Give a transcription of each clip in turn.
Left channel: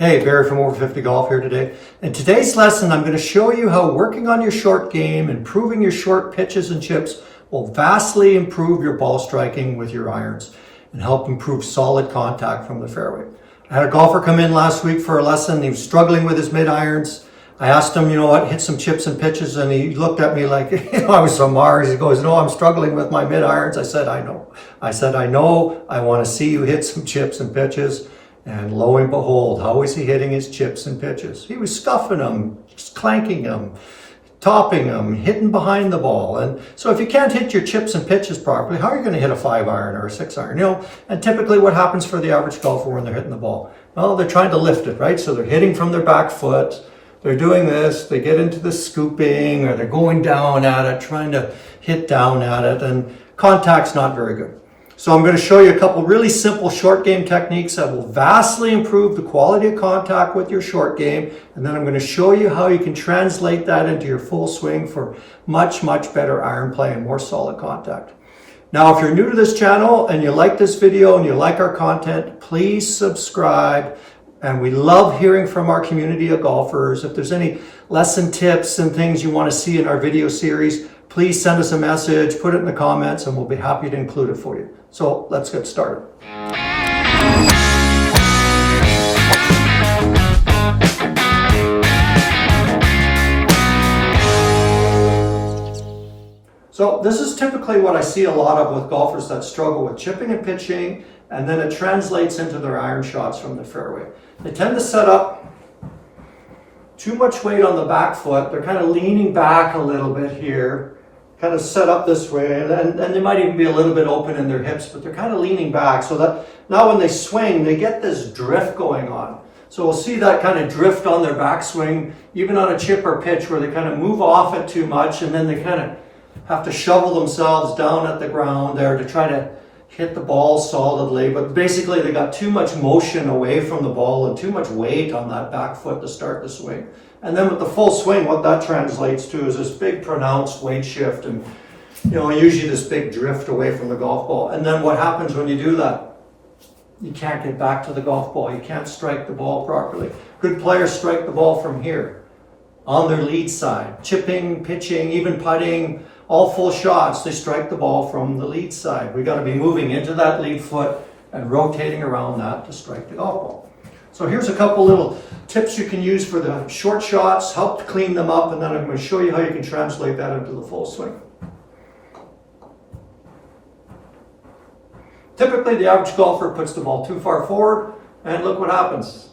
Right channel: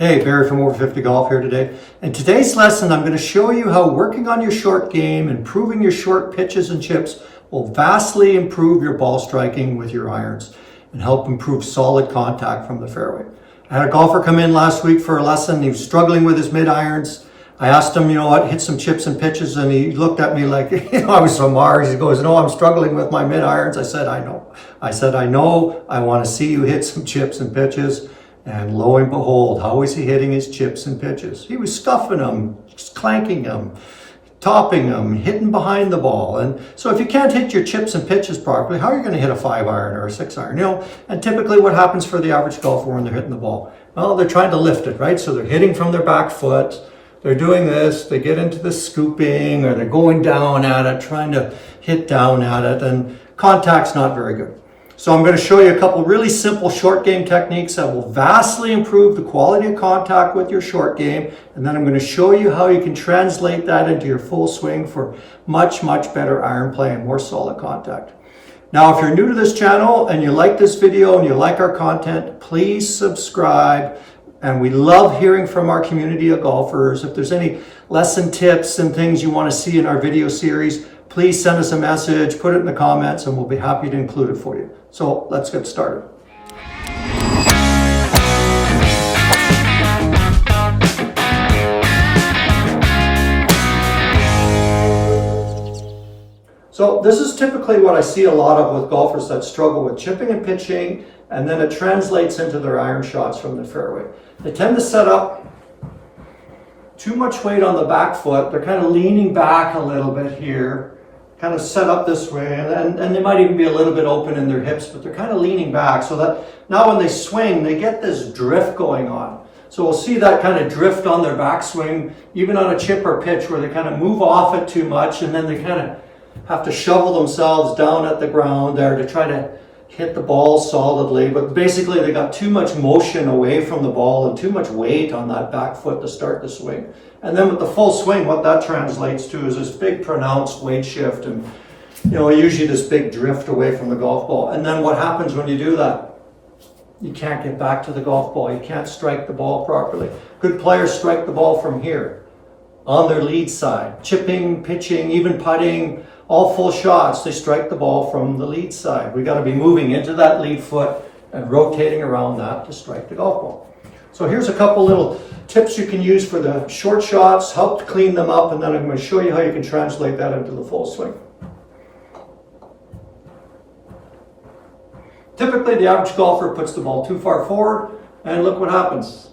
Hey, Barry from Over 50 Golf here today. In today's lesson, I'm going to show you how working on your short game, improving your short pitches and chips will vastly improve your ball striking with your irons and help improve solid contact from the fairway. I had a golfer come in last week for a lesson. He was struggling with his mid irons. I asked him, hit some chips and pitches, and he looked at me like, I was from Mars. He goes, no, I'm struggling with my mid irons. I said, I know. I want to see you hit some chips and pitches. And lo and behold, how was he hitting his chips and pitches? He was scuffing them, clanking them, topping them, hitting behind the ball. And so if you can't hit your chips and pitches properly, how are you going to hit a 5-iron or a 6-iron? And typically what happens for the average golfer when they're hitting the ball? Well, they're trying to lift it, right? So they're hitting from their back foot. They're doing this, they get into the scooping, or they're going down at it, trying to hit down at it, and contact's not very good. So I'm going to show you a couple really simple short game techniques that will vastly improve the quality of contact with your short game. And then I'm going to show you how you can translate that into your full swing for much, much better iron play and more solid contact. Now, if you're new to this channel and you like this video and you like our content, please subscribe. And we love hearing from our community of golfers. If there's any lesson tips and things you want to see in our video series, please send us a message, put it in the comments, and we'll be happy to include it for you. So let's get started. So this is typically what I see a lot of with golfers that struggle with chipping and pitching, and then it translates into their iron shots from the fairway. They tend to set up too much weight on the back foot. They're kind of leaning back a little bit here, kind of set up this way, and they might even be a little bit open in their hips, but they're kind of leaning back so that now when they swing, they get this drift going on. So we'll see that kind of drift on their backswing, even on a chip or pitch where they kind of move off it too much, and then they kind of have to shovel themselves down at the ground there to try to hit the ball solidly. But basically they got too much motion away from the ball and too much weight on that back foot to start the swing. And then with the full swing, what that translates to is this big pronounced weight shift and, usually this big drift away from the golf ball. And then what happens when you do that? You can't get back to the golf ball. You can't strike the ball properly. Good players strike the ball from here, on their lead side. Chipping, pitching, even putting, all full shots, they strike the ball from the lead side. We got to be moving into that lead foot and rotating around that to strike the golf ball. So here's a couple little tips you can use for the short shots, help to clean them up, and then I'm going to show you how you can translate that into the full swing. Typically, the average golfer puts the ball too far forward, and look what happens.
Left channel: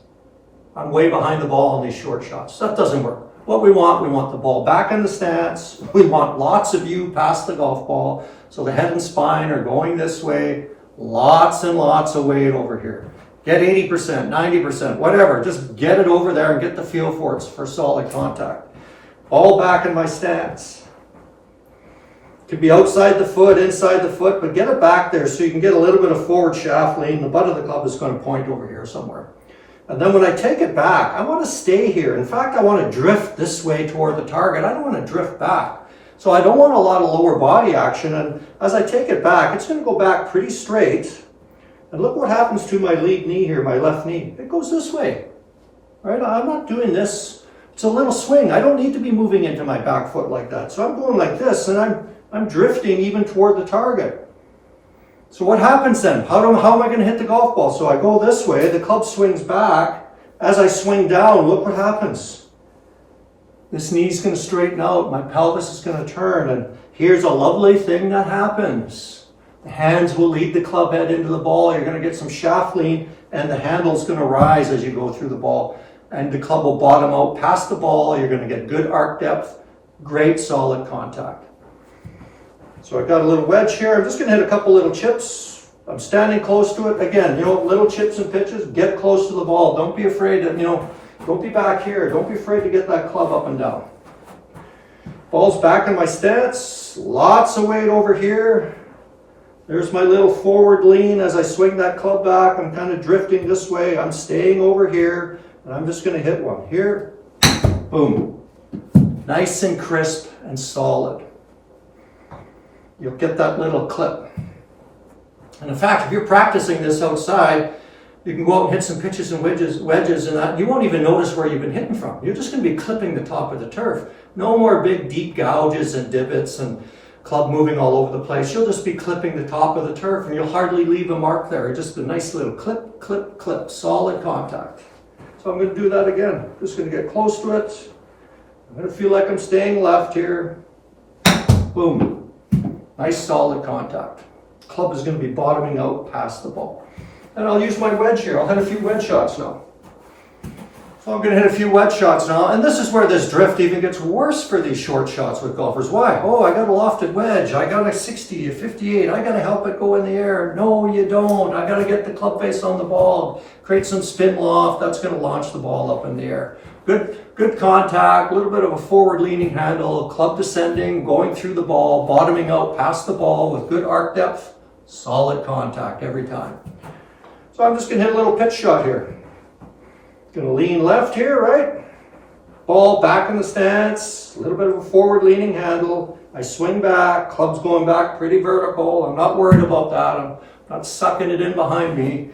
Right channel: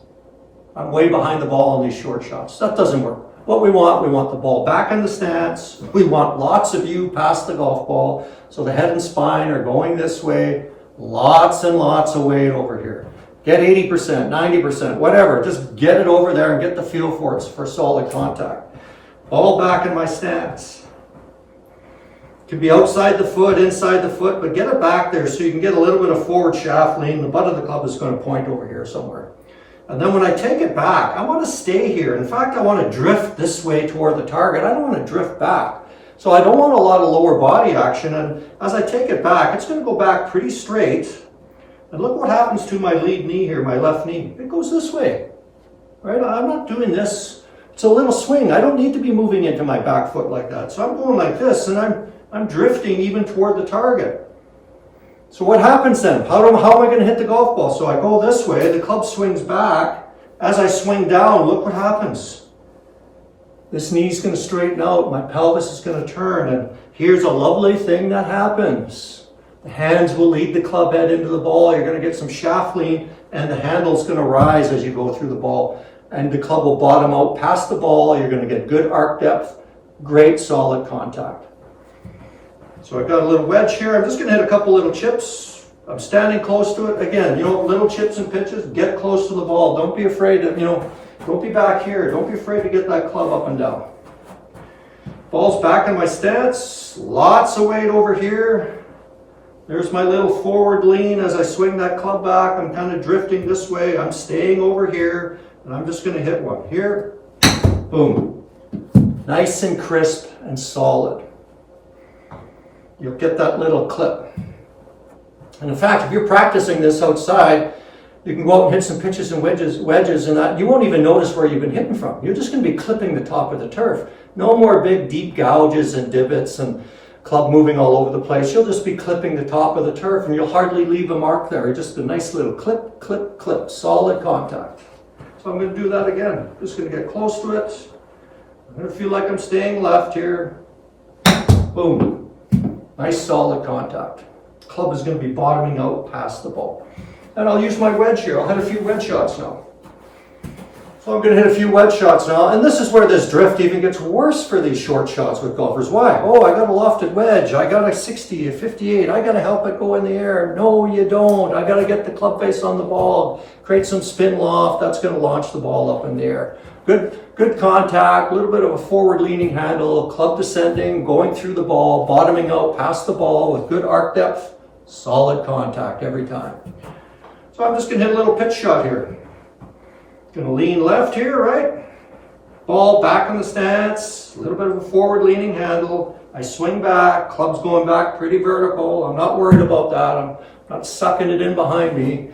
I'm way behind the ball on these short shots. That doesn't work. What we want the ball back in the stance. We want lots of you past the golf ball, so the head and spine are going this way, lots and lots of weight over here. Get 80%, 90%, whatever. Just get it over there and get the feel for it for solid contact. Ball back in my stance. Could be outside the foot, inside the foot, but get it back there so you can get a little bit of forward shaft lean. The butt of the club is going to point over here somewhere. And then when I take it back, I want to stay here. In fact, I want to drift this way toward the target. I don't want to drift back. So I don't want a lot of lower body action. And as I take it back, it's going to go back pretty straight. And look what happens to my lead knee here, my left knee. It goes this way, right? I'm not doing this. It's a little swing. I don't need to be moving into my back foot like that. So I'm going like this, and I'm drifting even toward the target. So what happens then? How am I going to hit the golf ball? So I go this way, the club swings back. As I swing down, look what happens. This knee's going to straighten out. My pelvis is going to turn, and here's a lovely thing that happens. The hands will lead the club head into the ball. You're going to get some shaft lean, and the handle's going to rise as you go through the ball. And the club will bottom out past the ball. You're going to get good arc depth, great solid contact. So I got a little wedge here. I'm just going to hit a couple little chips. I'm standing close to it. Again, little chips and pitches. Get close to the ball. Don't be afraid to, don't be back here. Don't be afraid to get that club up and down. Ball's back in my stance. Lots of weight over here. There's my little forward lean as I swing that club back. I'm kind of drifting this way. I'm staying over here, and I'm just going to hit one. Here, boom. Nice and crisp and solid. You'll get that little clip. And in fact, if you're practicing this outside, You can go out and hit some pitches and wedges and that. You won't even notice where you've been hitting from. You're just going to be clipping the top of the turf. No more big deep gouges and divots and club moving all over the place. You'll just be clipping the top of the turf and you'll hardly leave a mark there. Just a nice little clip, clip, clip, solid contact. So I'm going to do that again. Just going to get close to it. I'm going to feel like I'm staying left here. Boom. Nice solid contact. Club is going to be bottoming out past the ball. And I'll use my wedge here. I'll hit a few wedge shots now. So I'm going to hit a few wedge shots now. And this is where this drift even gets worse for these short shots with golfers. Why? Oh, I got a lofted wedge. I got a 60, a 58. I got to help it go in the air. No, you don't. I got to get the club face on the ball. Create some spin loft. That's going to launch the ball up in the air. Good contact, a little bit of a forward leaning handle, club descending, going through the ball, bottoming out past the ball with good arc depth, solid contact every time. So I'm just going to hit a little pitch shot here. Going to lean left here, right? Ball back in the stance, a little bit of a forward leaning handle. I swing back, club's going back pretty vertical. I'm not worried about that. I'm not sucking it in behind me.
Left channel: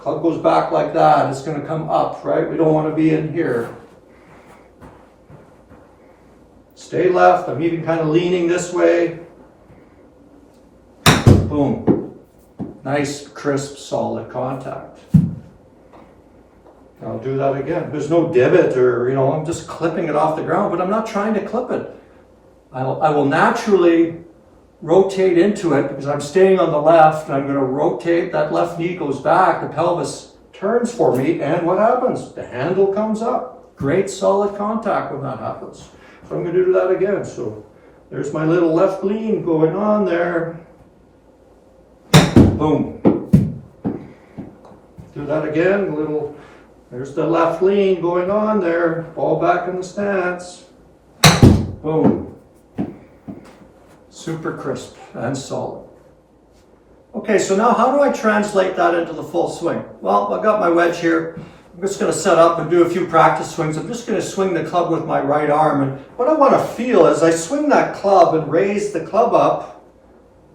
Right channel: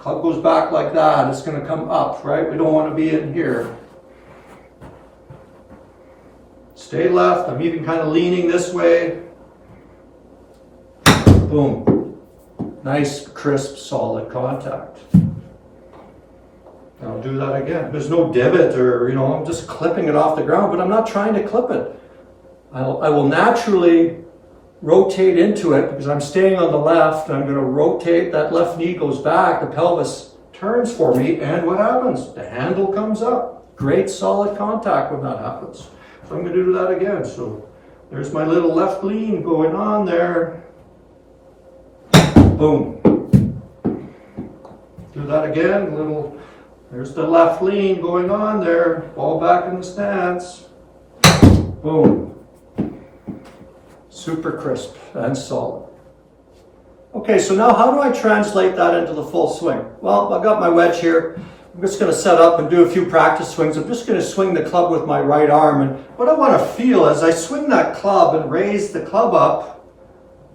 Club goes back like that. It's going to come up, right? We don't want to be in here. Stay left. I'm even kind of leaning this way. Boom. Nice, crisp, solid contact. I'll do that again. There's no divot or, I'm just clipping it off the ground, but I'm not trying to clip it. I will naturally rotate into it because I'm staying on the left. I'm going to rotate. That left knee goes back. The pelvis turns for me. And what happens? The handle comes up. Great solid contact when that happens. So I'm going to do that again. So there's my little left lean going on there. Boom. Do that again. There's the left lean going on there. Ball back in the stance. Boom. Super crisp and solid. Okay, so now how do I translate that into the full swing? Well, I've got my wedge here. I'm just going to set up and do a few practice swings. I'm just going to swing the club with my right arm. And what I want to feel as I swing that club and raise the club up,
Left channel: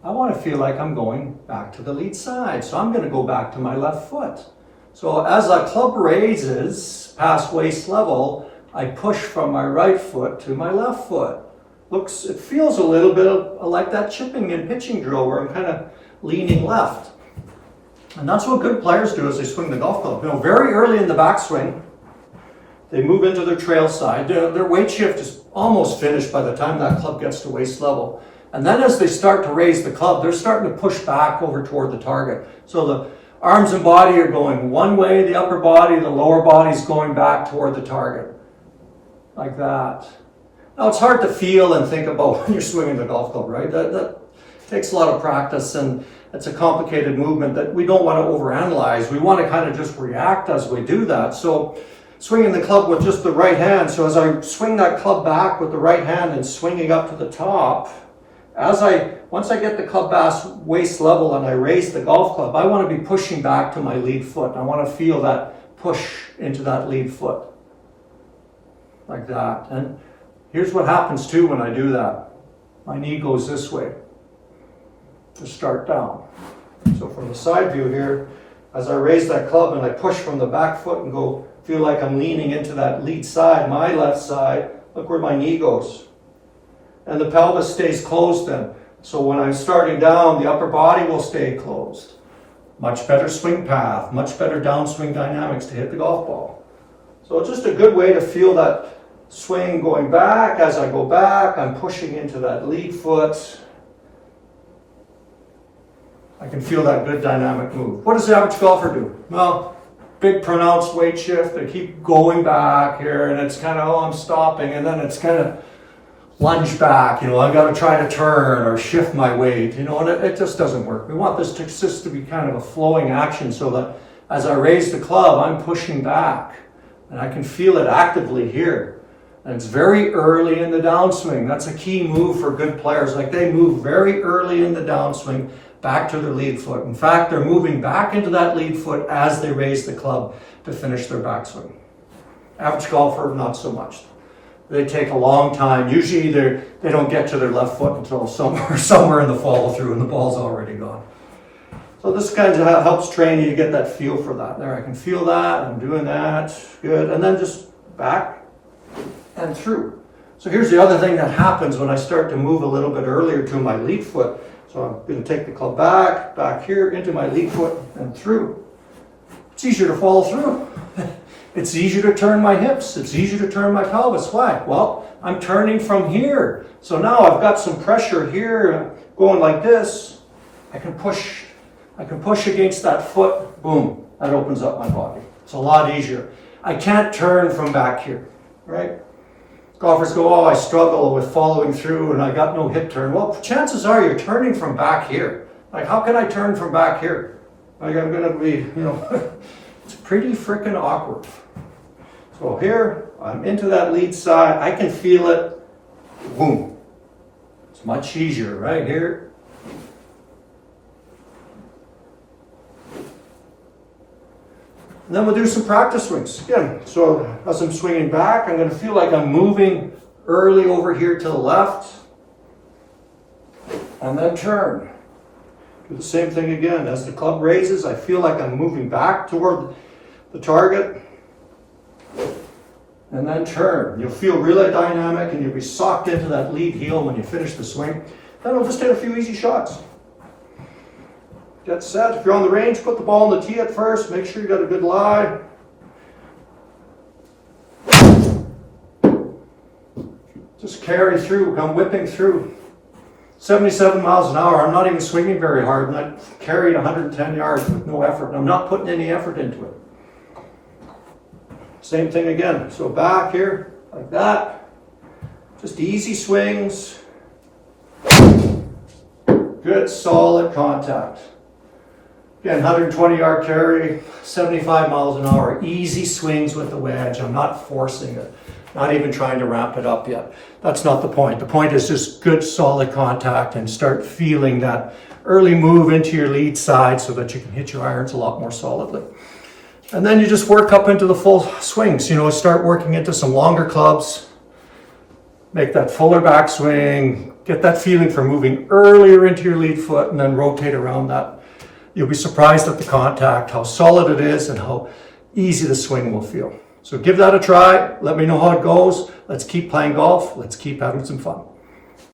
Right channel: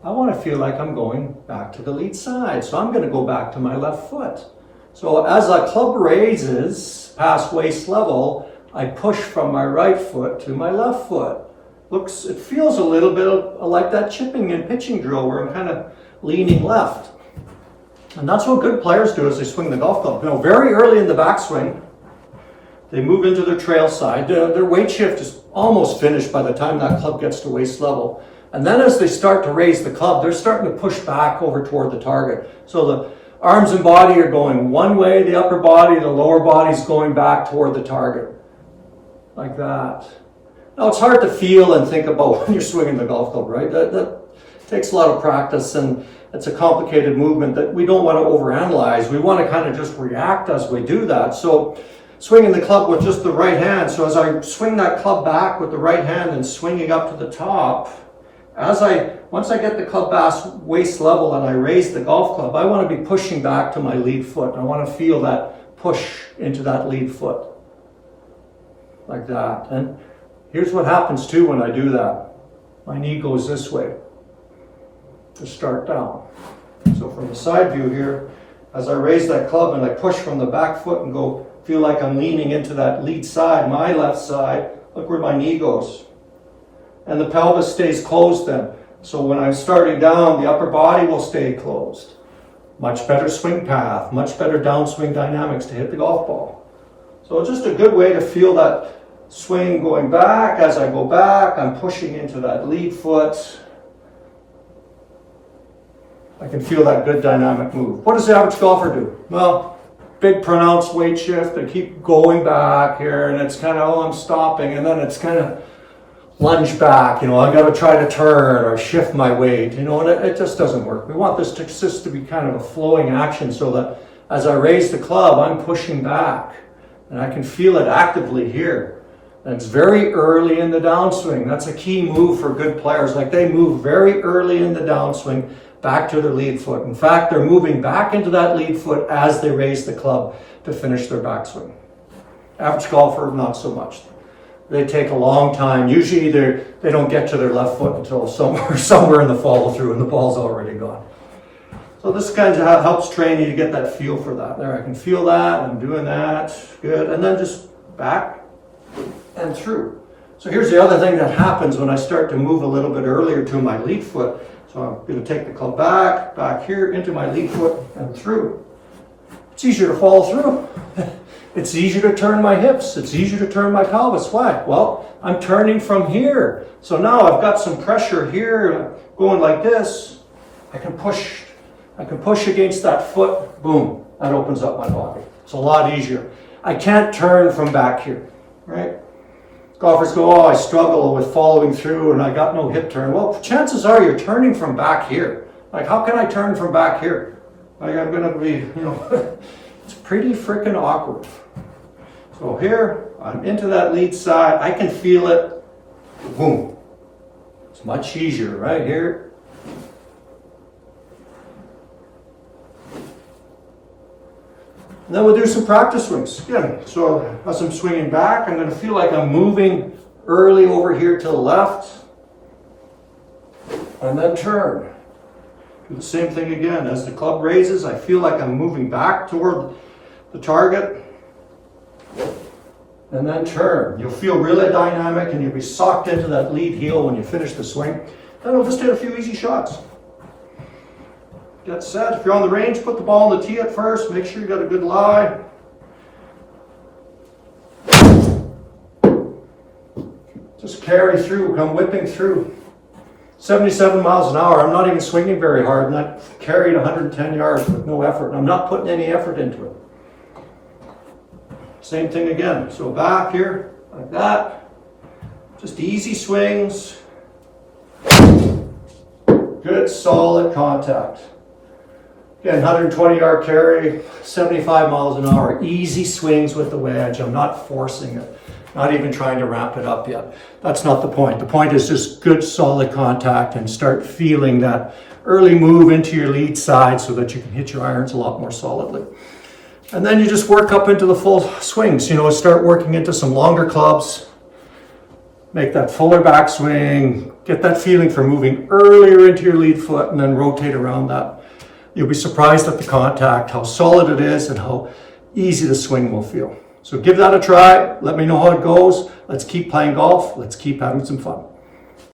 I want to feel like I'm going back to the lead side. So I'm going to go back to my left foot. So as that club raises past waist level, I push from my right foot to my left foot. It feels a little bit like that chipping and pitching drill where I'm kind of leaning left. And that's what good players do as they swing the golf club. Very early in the backswing, they move into their trail side. Their weight shift is almost finished by the time that club gets to waist level. And then as they start to raise the club, they're starting to push back over toward the target. So the arms and body are going one way, the upper body, the lower body's going back toward the target. Like that. Now it's hard to feel and think about when you're swinging the golf club, right? That takes a lot of practice and it's a complicated movement that we don't want to overanalyze. We want to kind of just react as we do that. So swinging the club with just the right hand. So as I swing that club back with the right hand and swinging up to the top, once I get the club past waist level and I raise the golf club, I want to be pushing back to my lead foot. I want to feel that push into that lead foot. Like that. And here's what happens too when I do that. My knee goes this way to start down. So from the side view here, as I raise that club and I push from the back foot and go, feel like I'm leaning into that lead side, my left side, look where my knee goes. And the pelvis stays closed then. So when I'm starting down, the upper body will stay closed. Much better swing path, much better downswing dynamics to hit the golf ball. So it's just a good way to feel that swing going back. As I go back, I'm pushing into that lead foot. I can feel that good dynamic move. What does the average golfer do? Well, big pronounced weight shift. They keep going back here and it's kind of, I'm stopping. And then it's kind of lunge back, I got to try to turn or shift my weight, and it just doesn't work. We want this to be kind of a flowing action so that as I raise the club, I'm pushing back and I can feel it actively here. And it's very early in the downswing. That's a key move for good players. Like they move very early in the downswing back to their lead foot. In fact, they're moving back into that lead foot as they raise the club to finish their backswing. Average golfer, not so much. They take a long time. Usually they don't get to their left foot until somewhere in the follow through and the ball's already gone. So this kind of helps train you to get that feel for that. There, I can feel that, I'm doing that, good. And then just back and through. So here's the other thing that happens when I start to move a little bit earlier to my lead foot. So I'm going to take the club back here into my lead foot and through. It's easier to follow through. It's easier to turn my hips. It's easier to turn my pelvis. Why? Well, I'm turning from here. So now I've got some pressure here going like this. I can push against that foot. Boom. That opens up my body. It's a lot easier. I can't turn from back here, right? Golfers go, oh, I struggle with following through and I got no hip turn. Well, chances are you're turning from back here. Like, how can I turn from back here? Like, I'm going to be, it's pretty freaking awkward. So here, I'm into that lead side. I can feel it. Boom. It's much easier right here. And then we'll do some practice swings. Again, so as I'm swinging back, I'm going to feel like I'm moving early over here to the left. And then turn. Do the same thing again. As the club raises, I feel like I'm moving back toward the target. And then turn. You'll feel really dynamic and you'll be socked into that lead heel when you finish the swing. Then we'll just hit a few easy shots. Get set. If you're on the range, put the ball on the tee at first. Make sure you got a good lie. Just carry through, come whipping through. 77 miles an hour. I'm not even swinging very hard, and I carried 110 yards with no effort. I'm not putting any effort into it. Same thing again. So back here, like that. Just easy swings. Good, solid contact. Again, 120 yard carry, 75 miles an hour. Easy swings with the wedge. I'm not forcing it. Not even trying to ramp it up yet. That's not the point. The point is just good, solid contact and start feeling that early move into your lead side so that you can hit your irons a lot more solidly. And then you just work up into the full swings. Start working into some longer clubs. Make that fuller backswing. Get that feeling for moving earlier into your lead foot and then rotate around that. You'll be surprised at the contact, how solid it is, and how easy the swing will feel. So give that a try. Let me know how it goes. Let's keep playing golf. Let's keep having some fun.